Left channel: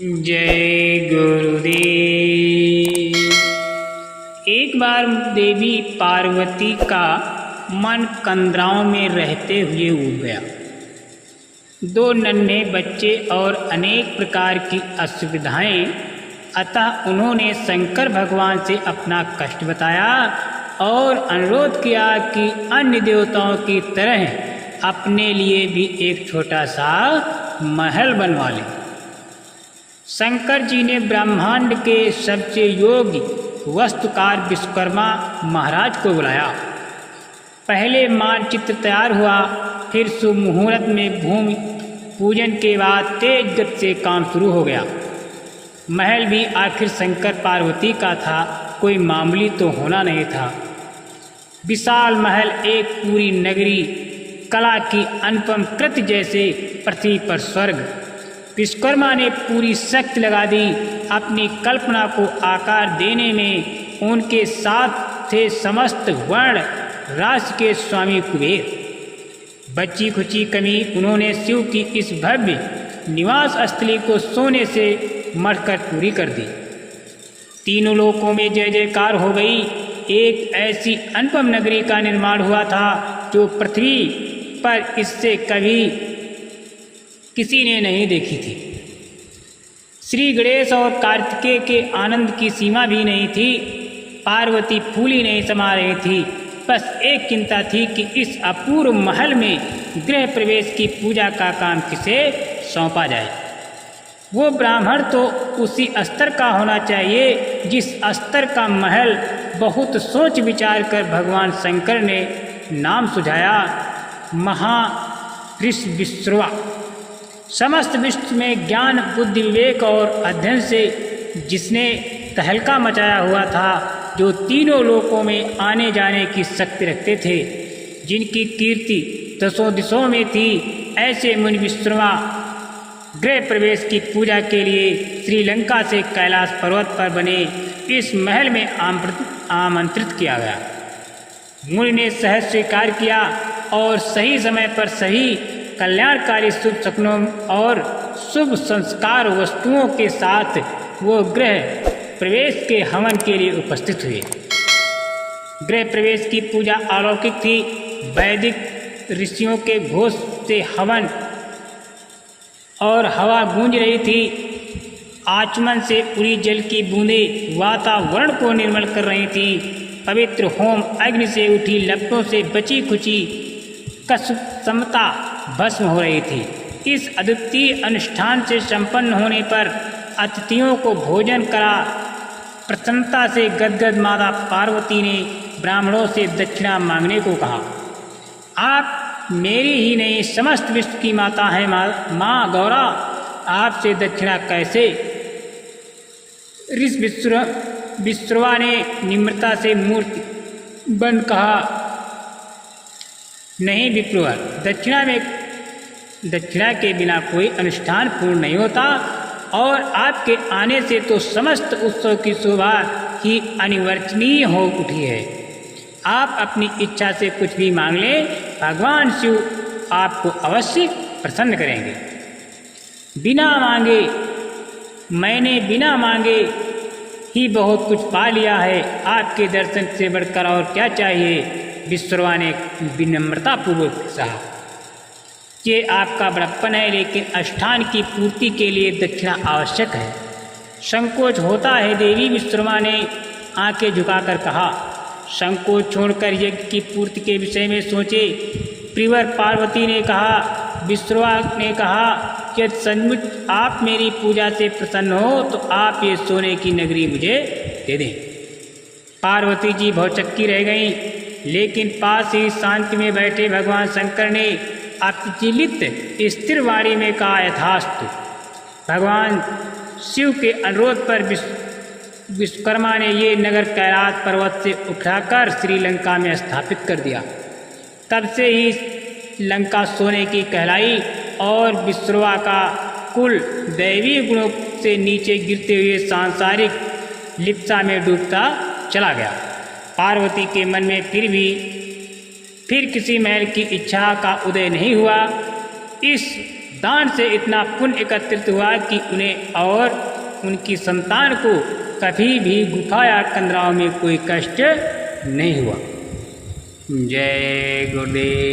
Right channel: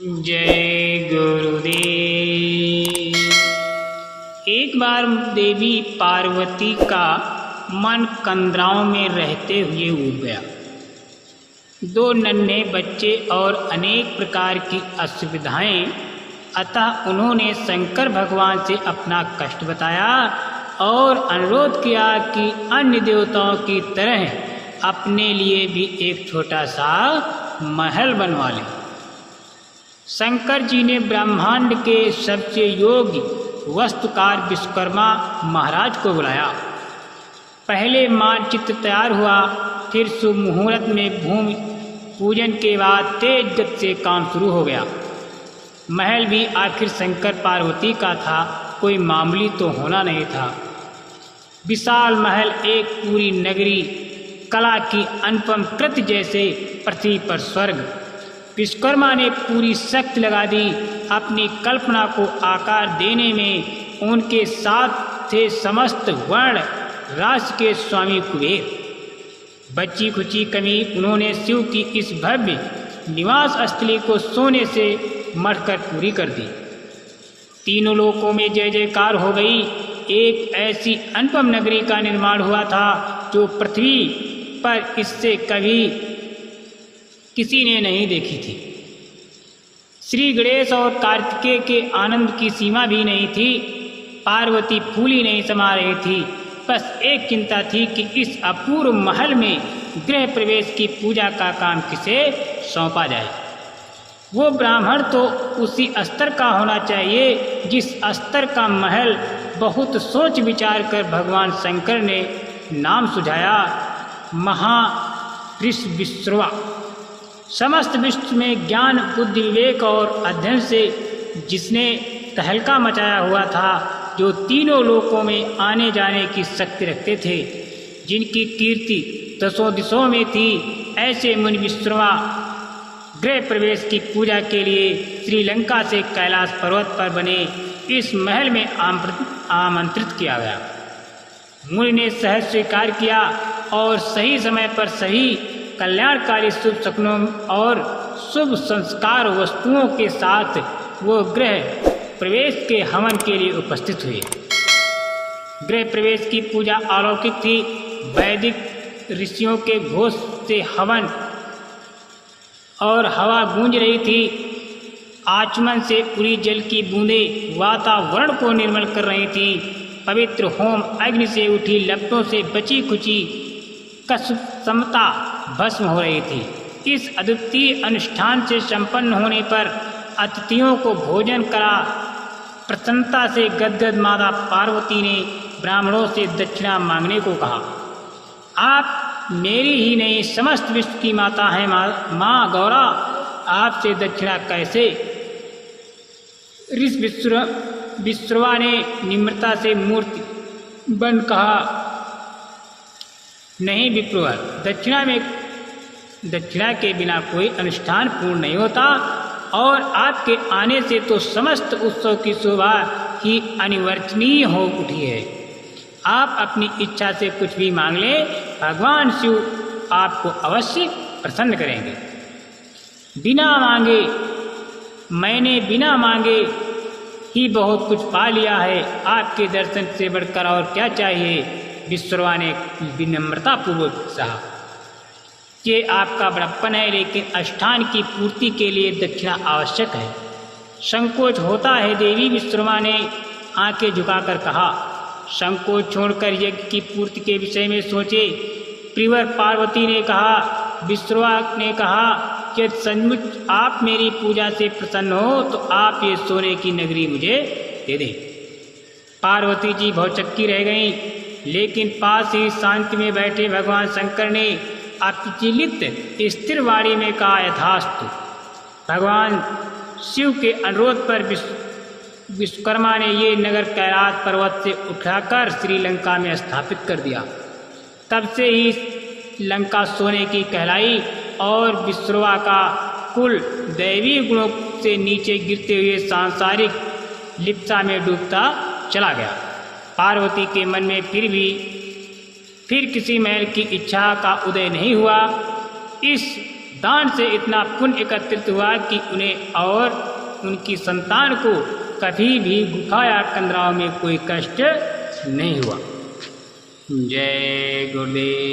जय गुरुदेव। एक बार देवी पार्वती का मन कंदराओं में रहते हुए उब गया। दो नन्हे बच्चे और अनेक प्रकार की असुविधाएं, अतः उन्होंने शंकर भगवान से अपना कष्ट बताया और अनुरोध किया कि अन्य देवताओं की तरह अपने लिए भी एक छोटा सा महल बनवा लें। शंकर जी ने ब्रह्मांड के सबसे योग्य वास्तुकार विश्वकर्मा महाराज को बुलाया। पहले मानचित्र तैयार हुआ, फिर शुभ मुहूर्त में भूमि पूजन के बाद तेज गति से काम शुरू हो गया। महल भी आखिर शंकर पार्वती का था, कोई मामूली तो होना नहीं था। विशाल महल एक पूरी नगरी, कला की अनुपम कृति जैसे पृथ्वी पर स्वर्ग। विश्वकर्मा ने पूरी शक्ति लगा दी। अपनी कल्पना को आकार देने में उनके साथ थे समस्त वर्ण राशि के स्वामी कुबेर। बची खुची कमी उन्होंने शिव की इस भव्य निवास स्थली को सोने से मढ़कर पूरी कर दी। तीनों लोकों में जय जयकार हो गई। एक ऐसी अनुपम नगरी का निर्माण हुआ था जो पृथ्वी पर इससे कभी किसी ने नहीं देखी थी। श्री गणेश और कार्तिकेय के आनंद की सीमा भी नहीं थी। पार्वती फूली नहीं समा रही थी। बस एक चिंता थी कि इस अपूर्व महल में गृह प्रवेश की पूजा का काम किसे सौंपा जाए। वो ब्राह्मण तो उसी स्तर का होना चाहिए जिस स्तर का महल। बहुत सोच विचार कर भगवान शंकर ने नाम सुझाया, महाऋषिविश्रवा। समस्त विश्व में ज्ञान बुद्धि विवेक और अध्ययन से जिसने तहलका मचाया हुआ था, जो तीनों लोकों में आने जाने की शक्ति रखते थे, जिनकी कीर्ति दसों दिशों में थी, ऐसे मुनि विश्रवा गृह प्रवेश की पूजा के लिए श्रीलंका से कैलाश पर्वत पर बने इस महल में आमंत्रित किया गया। मुनि ने सहज स्वीकार किया और सही समय पर सही कल्याणकारी शुभ शकुनों और शुभ संस्कार वस्तुओं के साथ वो गृह प्रवेश के हवन के लिए उपस्थित हुए। गृह प्रवेश की पूजा अलौकिक थी। वैदिक ऋषियों के घोष से हवन और हवा गूंज रही थी। आचमन से उड़ी जल की बूंदें वातावरण को निर्मल कर रही थी। पवित्र होम अग्नि से उठी लपटों से बची खुची कसमता भस्म हो रही थी। इस अद्वितीय अनुष्ठान से संपन्न होने पर अतिथियों को भोजन करा। प्रसन्नता से गदगद माता पार्वती ने ब्राह्मणों से दक्षिणा मांगने को कहा। आप मेरी ही नहीं समस्त विश्व की माता हैं माँ गौरा, आपसे दक्षिणा कैसे? ऋषिविश्रवा ने निम्रता से मूर्ति बन कहा, नहीं विप्रवर, दक्षिणा के बिना कोई अनुष्ठान पूर्ण नहीं होता और आपके आने से तो समस्त उत्सव की शोभा ही अनिवर्चनीय हो उठी है। आप अपनी इच्छा से कुछ भी मांग लें, भगवान शिव आपको अवश्य प्रसन्न करेंगे। मैंने बिना मांगे ही बहुत कुछ पा लिया है। आपके दर्शन से बढ़कर और क्या चाहिए? विश्वकर्मा ने विनम्रतापूर्वक कहा, ये आपका बड़प्पन है, लेकिन अनुष्ठान की पूर्ति के लिए दक्षिणा आवश्यक है। संकोच होता है देवी, विश्वकर्मा ने आंखें झुकाकर कहा। संकोच छोड़कर यज्ञ की पूर्ति के विषय में सोचे। प्रिवर पार्वती ने कहा। विश्वकर्मा ने कहा, यदि सचमुच आप मेरी पूजा से प्रसन्न हो तो आप ये सोने की नगरी मुझे दे दें। पार्वती जी भौचक्की रह गईं, लेकिन पास ही शांति में बैठे भगवान शंकर ने अप्रचलित स्थिर वाणी में कहा, यथास्तु। भगवान शिव के अनुरोध पर विश्वकर्मा ने ये नगर कैलाश पर्वत से उठाकर श्रीलंका में स्थापित कर दिया। तब से ही लंका सोने की कहलाई और विश्वकर्मा का कुल दैवी गुणों से नीचे गिरते हुए सांसारिक लिप्सा में डूबता चला गया। पार्वती के मन में फिर किसी महल की इच्छा का उदय नहीं हुआ। इस दान से इतना पुण्य एकत्रित हुआ कि उन्हें और उनकी संतान को कभी भी गुफा या कंदराओं में कोई कष्ट नहीं हुआ। जय गुरुदेव।